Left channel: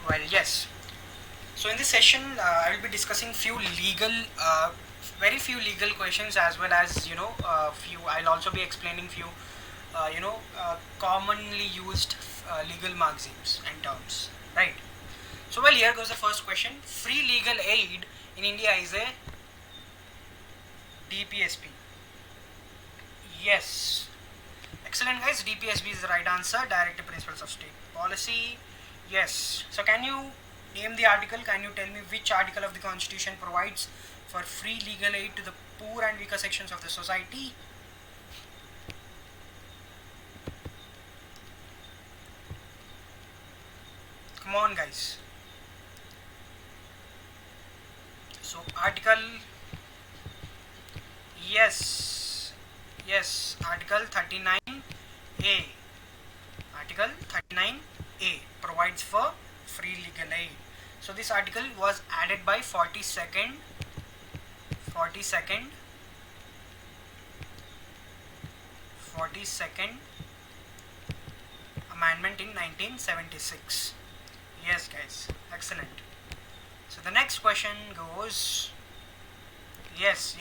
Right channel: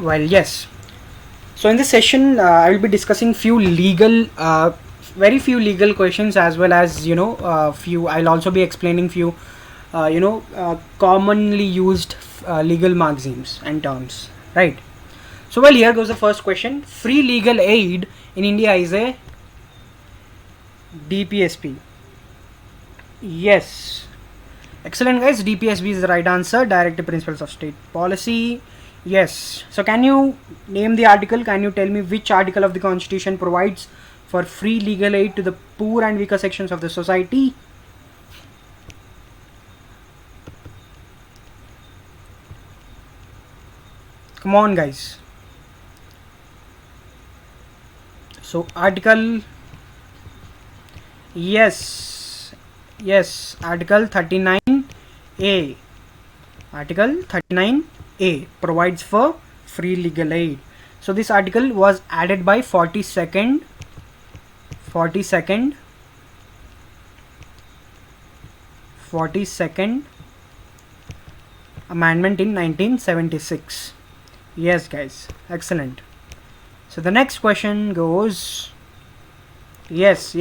Well, yes. So in this session, I will be discussing very few legal questions, as well as few. I'll also be explaining few, commonly used legal maxims and terms. Right. So well, here goes the first question. Free legal aid in India is a DPSP. Yes. Excellent, guys. DPSP is the right answer. Directive Principles of State Policy. Yes. So, can you name the article? Can you tell me which article of the Constitution provides for free legal aid to the poor and weaker sections of the society? Come on, guys. So, article. Yes. Yes. Article 39A. Article 39A provides for free legal aid. So this article was added by 42nd amendment in 1976. Yes, guys, excellent. So the next question goes, yes,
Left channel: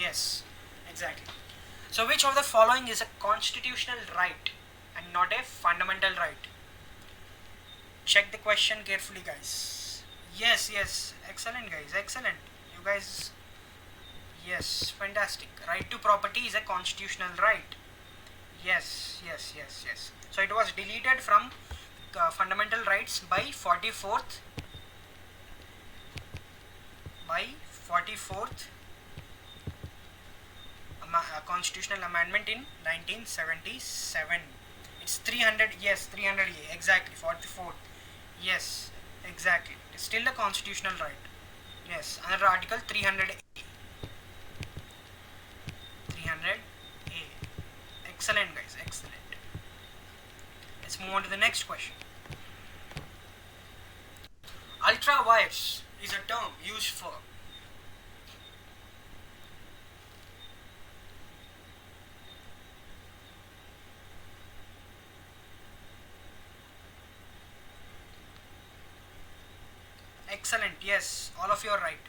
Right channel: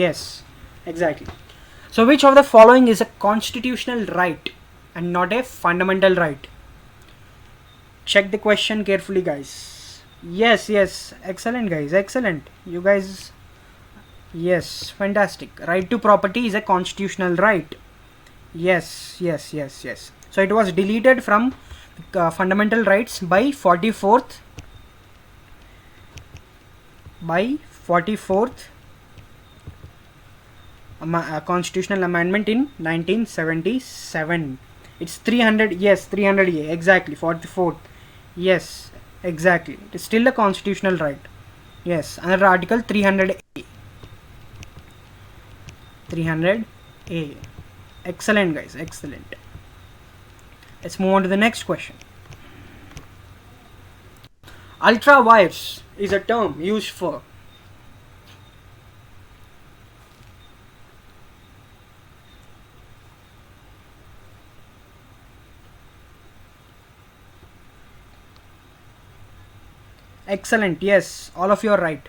exactly. So which of the following is a constitutional right and not a fundamental right? Check the question carefully, guys. Yes, excellent, guys, excellent. You guys, yes, fantastic. Right to property is a constitutional right. Yes. So it was deleted from fundamental rights by 44th constitutional amendment in 1977. It's 300. Yes, 300A, exactly. 44th. Yes, exactly. It's still a constitutional right. Yes, another article 300A. 300A. Excellent, guys, excellent. Let's move on to the next question. Ultra vires is a term used for excellent. Yes, all of you are right.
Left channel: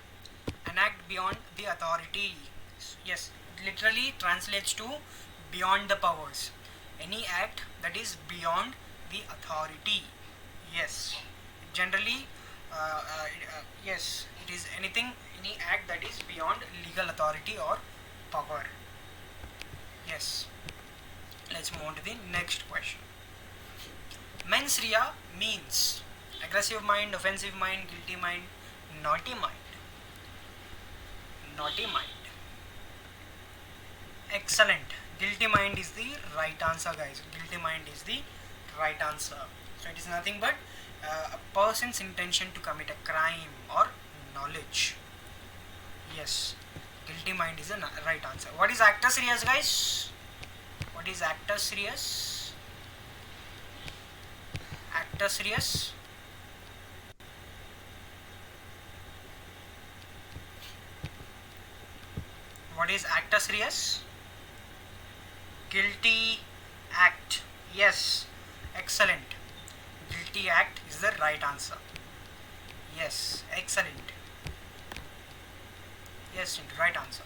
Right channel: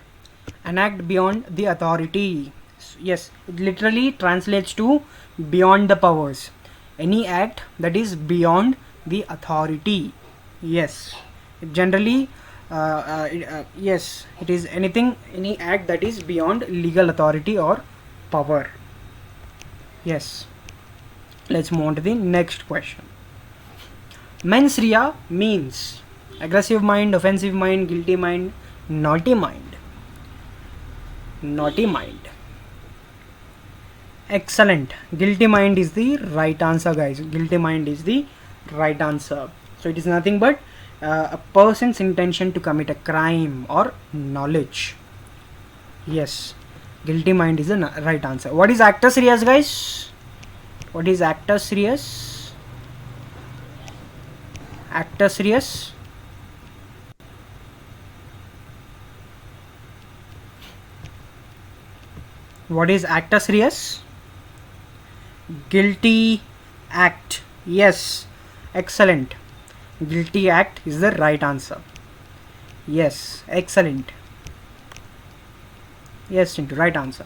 An act beyond the authority. Yes, it literally translates to beyond the powers. Any act that is beyond the authority. Yes, generally, yes, it is any act that is beyond legal authority or power. Yes. Let's move on to the next question. Mens rea means aggressive mind, offensive mind, guilty mind, naughty mind. Naughty mind. Excellent. Guilty mind is the right answer, guys. Guilty mind is the right answer. So it is nothing but a person's intention to commit a crime or knowledge. Yes. Guilty mind is the right answer. What is actus reus, guys? What is actus reus? Actus reus. What is actus reus? Guilty act. Yes, excellent. Guilty act is the right answer. Yes, excellent. Yes, right answer.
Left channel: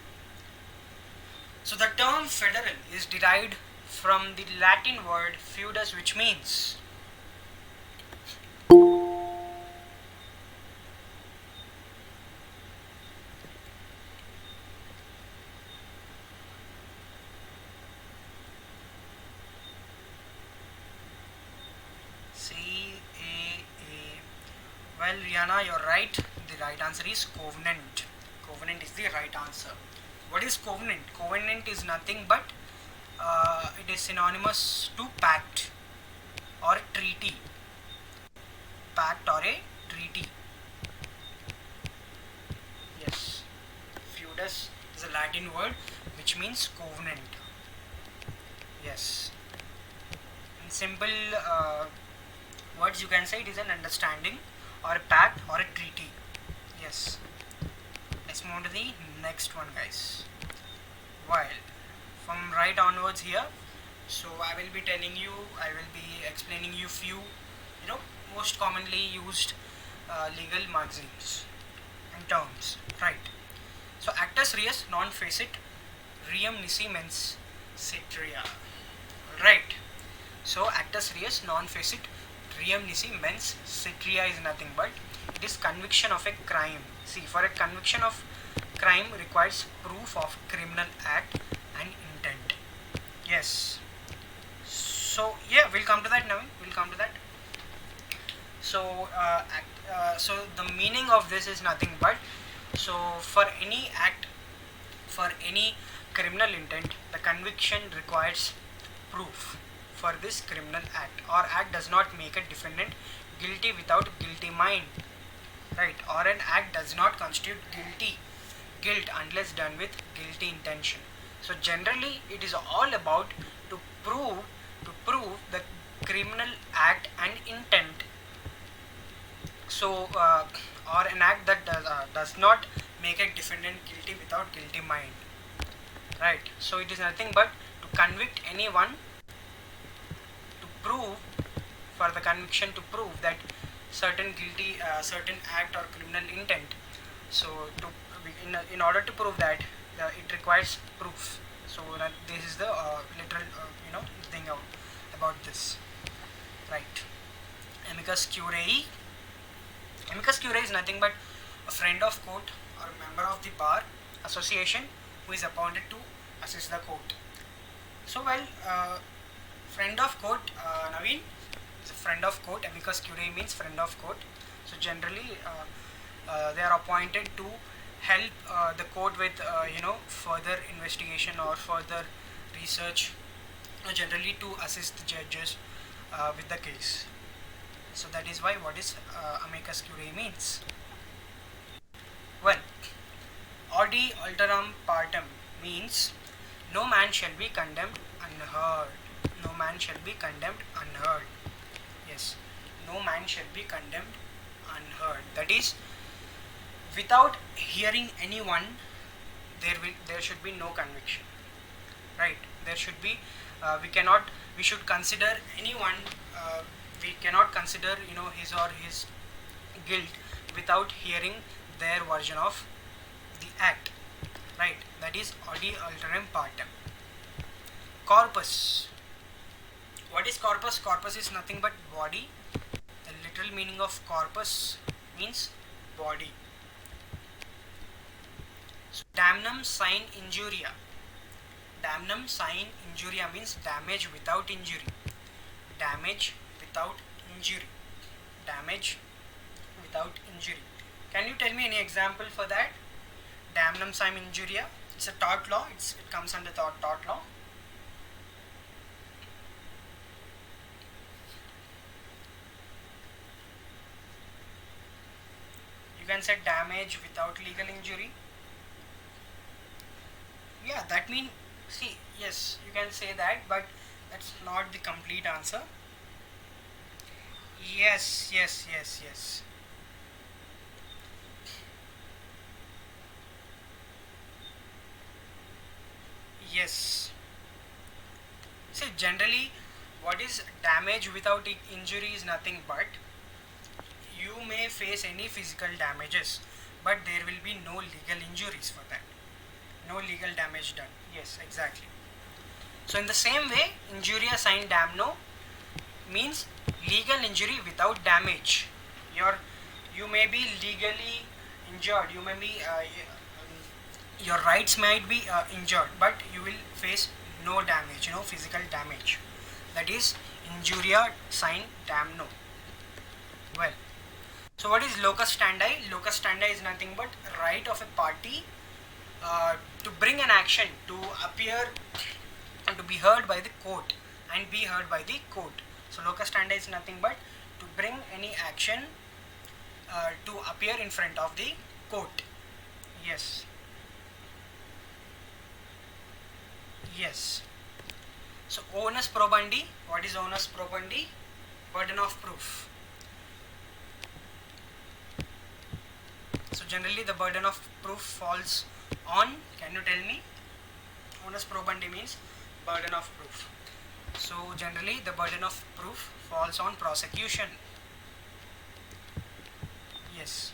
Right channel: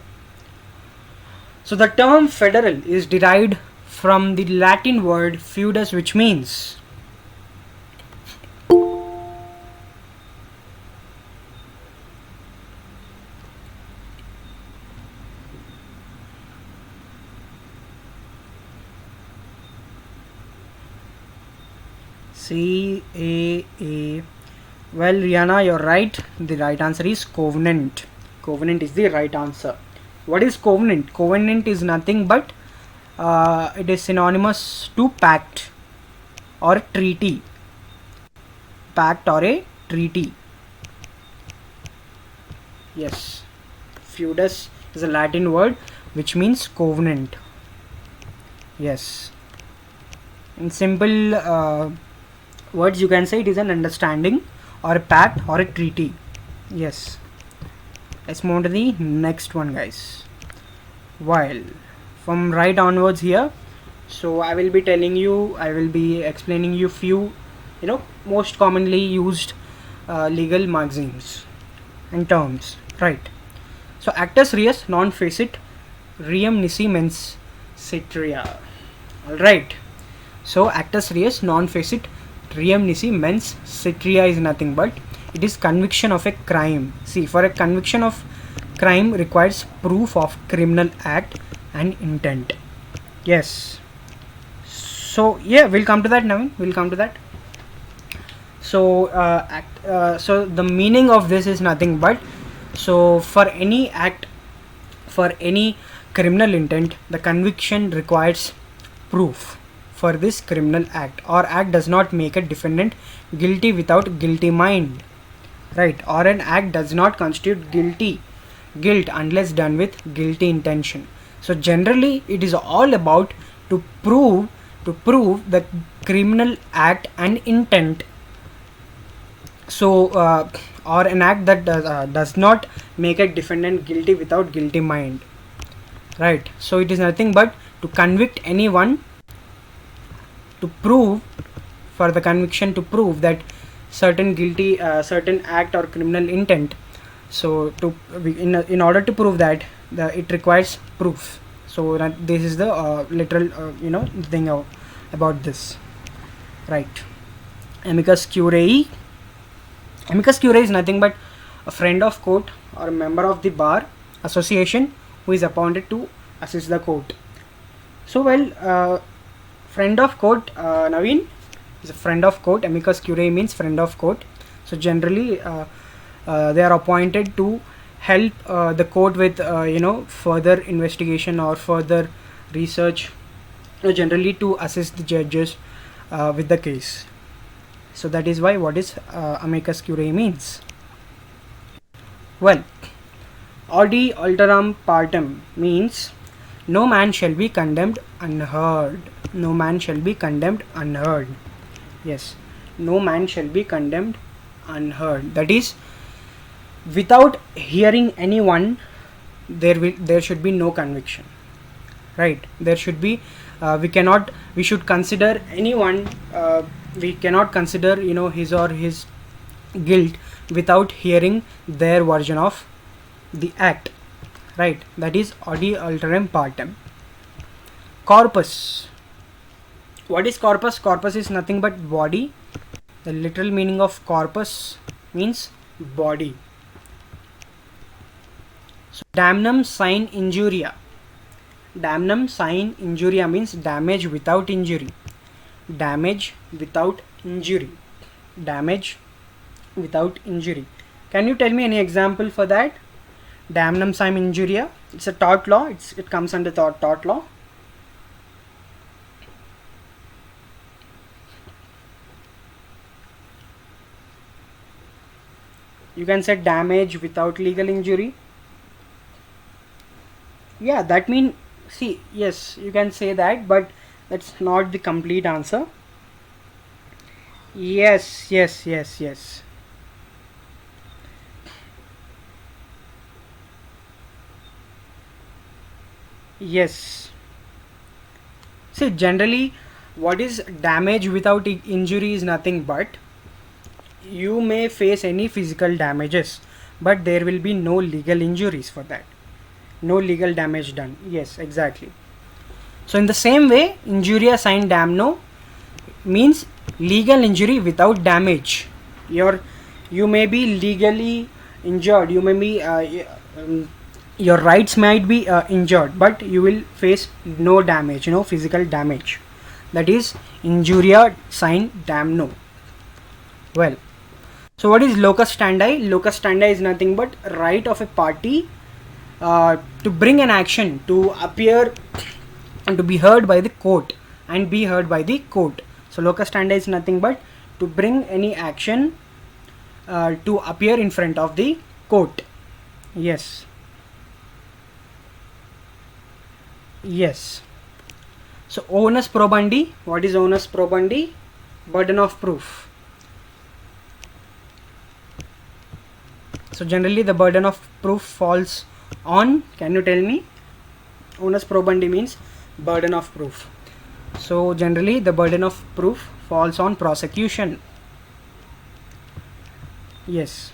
So the term federal is derived from the Latin word feudus, which means CAA. Well, Rihanna, you're right. The right answer is covenant. Covenant is the right answer. What is covenant? Covenant is nothing but it is synonymous to pact or treaty. Pact or a treaty. Yes. Feudus is a Latin word which means covenant. Yes. In simple words, you can say it is an understanding or a pact or a treaty. Yes. Let's move on to the next one, guys. While from right onwards here, so I will be explaining you few most commonly used legal maxims and terms, right? So actus reus non facit riem nisi mens citria. All right. So actus reus non facit riem nisi mens citria is nothing but it is conviction of a crime. See, for a conviction of crime requires proof of criminal act and intent. Yes. So yeah, we'll come to that now. We'll come to that. So so the meaning of this is nothing but, so for any act, for any criminal intent, the conviction requires proof for this criminal act, or act does not make a defendant guilty without guilty mind, right? Or an act does not constitute guilt unless done with guilty intention. So generally it is all about to prove the criminal act and intent. So or an act that does not make a defendant guilty without guilty mind, right? So it is nothing but to convict anyone, to prove, for the conviction to prove that certain guilty certain act or criminal intent. So to in order to prove that, it requires proof. So that this is the literal thing about this, right? Amicus curiae. Amicus curiae is nothing but a friend of court or a member of the bar association who is appointed to assist the court. So friend of court, Naveen is a friend of court. Amicus curiae means friend of court. So generally they are appointed to help the court with further investigation or further research, generally to assist the judges with the case. So that is why what is amicus curiae means. Well, audi alteram partem means no man shall be condemned unheard. No man shall be condemned unheard. Yes, no man shall be condemned unheard. That is, without hearing anyone, there should be no conviction, right? There should be we should consider anyone, we cannot consider his or his guilt without hearing their version of the act, right? That is audi alteram partem. Corpus. What is corpus? Corpus is nothing but body. The literal meaning of corpus means body. So damnum sine injuria. Damnum sine injuria means damage without injury. Damage without injury. Damage without injury. Can you tell me any example for that? Damnum sine injuria. It's a tort law. It comes under tort law. You can say damage without legal injury. Yeah, that means, see, yes, you can say that, but that's not the complete answer. Yes. Yes. See, generally, what is damage without injury is nothing but you may face any physical damages, but there will be no legal injuries for that. No legal damage done. Yes, exactly. So in the same way, injuria sine damno means legal injury without damage. You may be legally injured. You may be your rights might be injured, but you will face no damage, no physical damage. That is injuria sine damno. Well, so what is locus standi? Locus standi is nothing but right of a party to bring an action, to appear and to be heard by the court and be heard by the court. So locus standi is nothing but to bring any action to appear in front of the court. Yes. So onus probandi. What is onus probandi? Burden of proof. So generally the burden of proof falls on, can you tell me? Onus probandi means burden of proof. So generally the burden of proof falls on prosecution. Yes.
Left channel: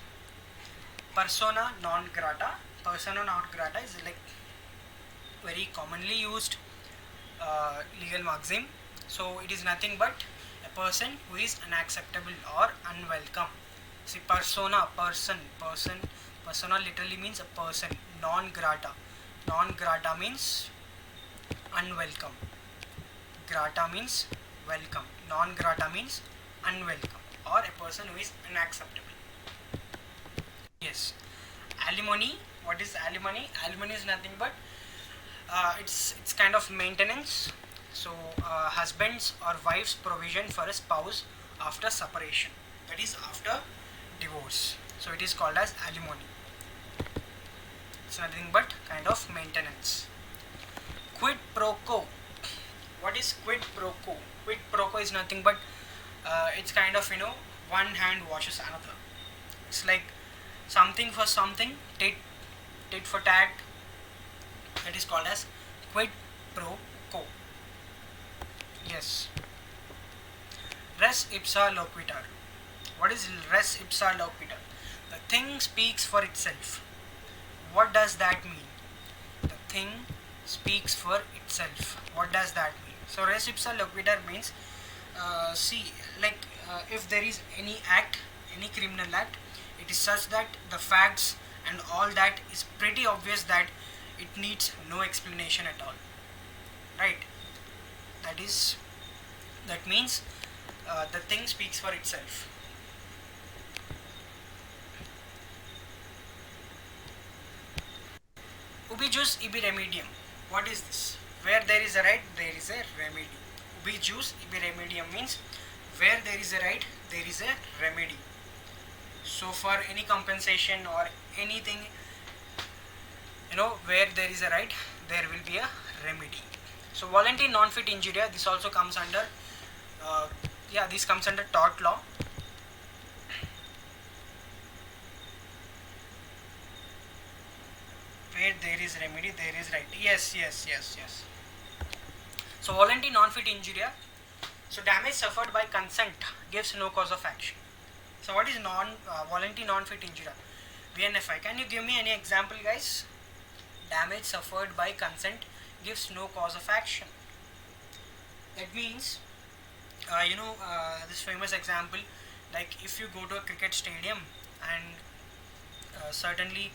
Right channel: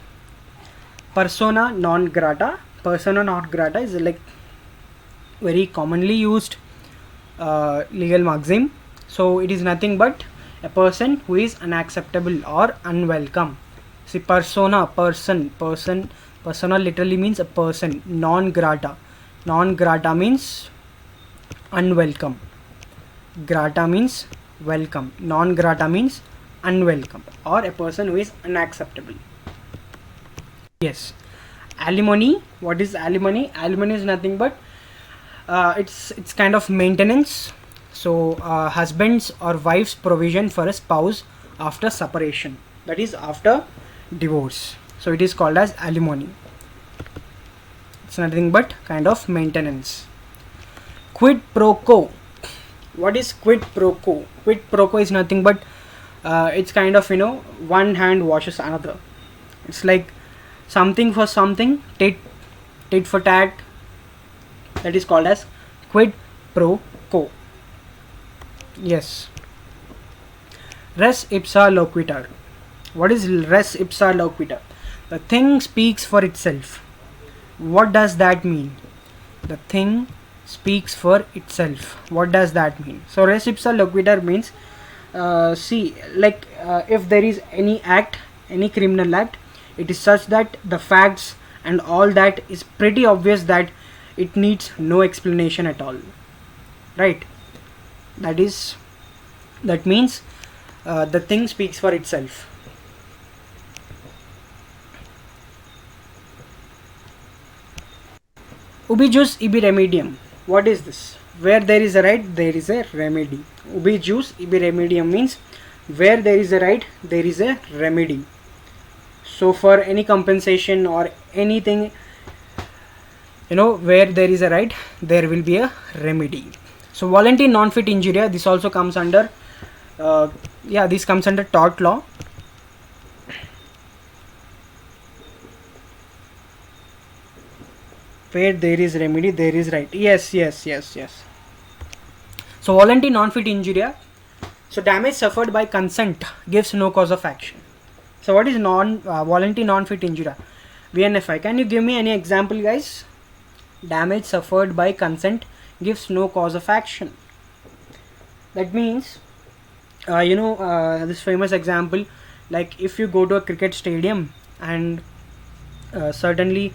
Persona non grata. Persona non grata is like very commonly used legal maxim. So it is nothing but a person who is unacceptable or unwelcome. See, persona literally means a person. Non grata. Non grata means unwelcome. Grata means welcome. Non grata means unwelcome or a person who is unacceptable. Yes. Alimony. What is alimony? Alimony is nothing but it's kind of maintenance. So husband's or wife's provision for a spouse after separation, that is after divorce. So it is called as alimony. It's nothing but kind of maintenance. Quid pro quo. What is quid pro quo? Quid pro quo is nothing but it's kind of, one hand washes another. It's like something for something, tit for tat. That is called as quid pro quo. Yes. Res ipsa loquitur. What is res ipsa loquitur? The thing speaks for itself. What does that mean? The thing speaks for itself. What does that mean? So res ipsa loquitur means, if there is any act, any criminal act, it is such that the facts and all that is pretty obvious that it needs no explanation at all, right? That means the thing speaks for itself. Ubi jus ibi remedium. What is this? Where there is a right, there is a remedy. Ubi jus ibi remedium means where there is a right, there is a remedy. So for any compensation or anything, where there is a right, there will be a remedy. So voluntary non-fit injuria, this also comes under this comes under tort law. Where there is remedy, there is right. Yes. So voluntary non-fit injuria. So damage suffered by consent gives no cause of action. So what is voluntary non-fit injuria? VNFI. Can you give me any example, guys? Damage suffered by consent gives no cause of action. That means, this famous example, like if you go to a cricket stadium and certainly,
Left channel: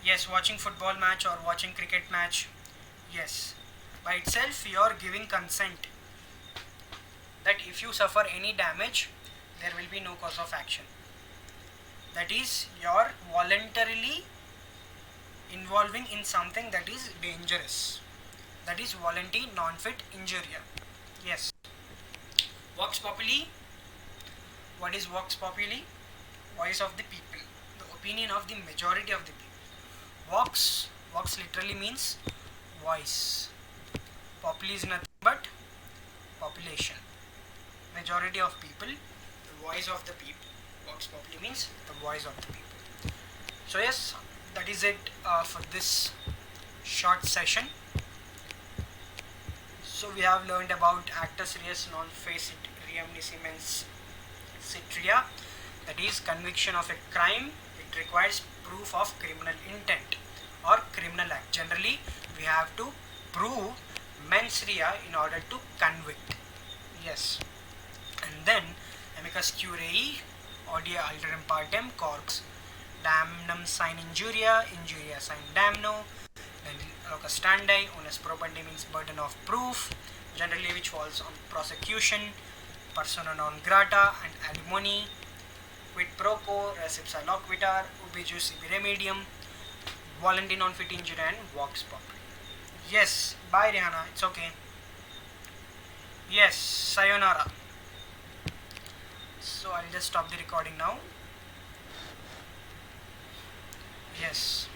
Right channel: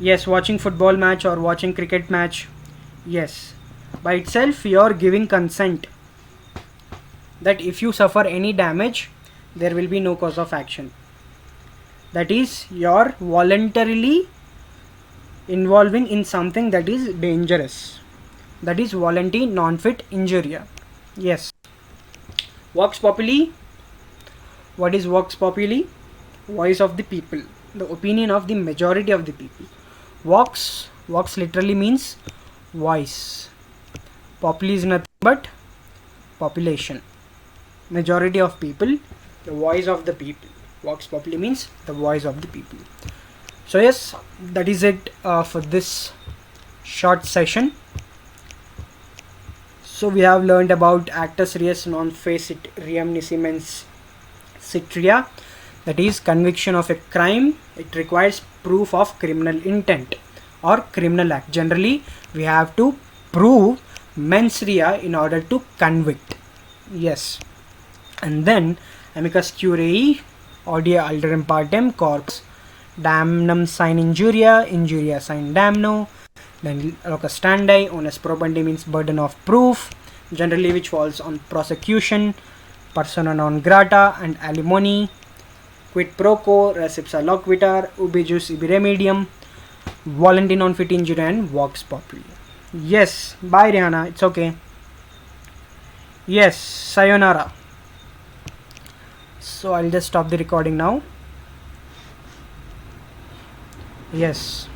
yes, watching football match or watching cricket match, yes, by itself you are giving consent that if you suffer any damage, there will be no cause of action. That is, you are voluntarily involving in something that is dangerous. That is voluntary non-fit injuria. Yes. Vox populi. What is vox populi? Voice of the people, the opinion of the majority of the people. Vox literally means voice. Populi is nothing but population, majority of people, the voice of the people. Vox populi means the voice of the people. So yes, that is it for this short session. So we have learned about actus reus non facit reum nisi mens citria, that is conviction of a crime. It requires proof of criminal intent or criminal act. Generally, we have to prove mens rea in order to convict. Yes. And then amicus curiae, audia alterum partem, corpus damnum sine injuria sine damno. Then locus standi, onus probandi means burden of proof, generally which falls on prosecution, persona non grata and alimony, quid pro quo, res ipsa loquitur, ubi jus ibi remedium, voluntary non-fit injuria and vox populi. Yes, bye Rihanna, it's okay. Yes, sayonara. So I'll just stop the recording now. Yes.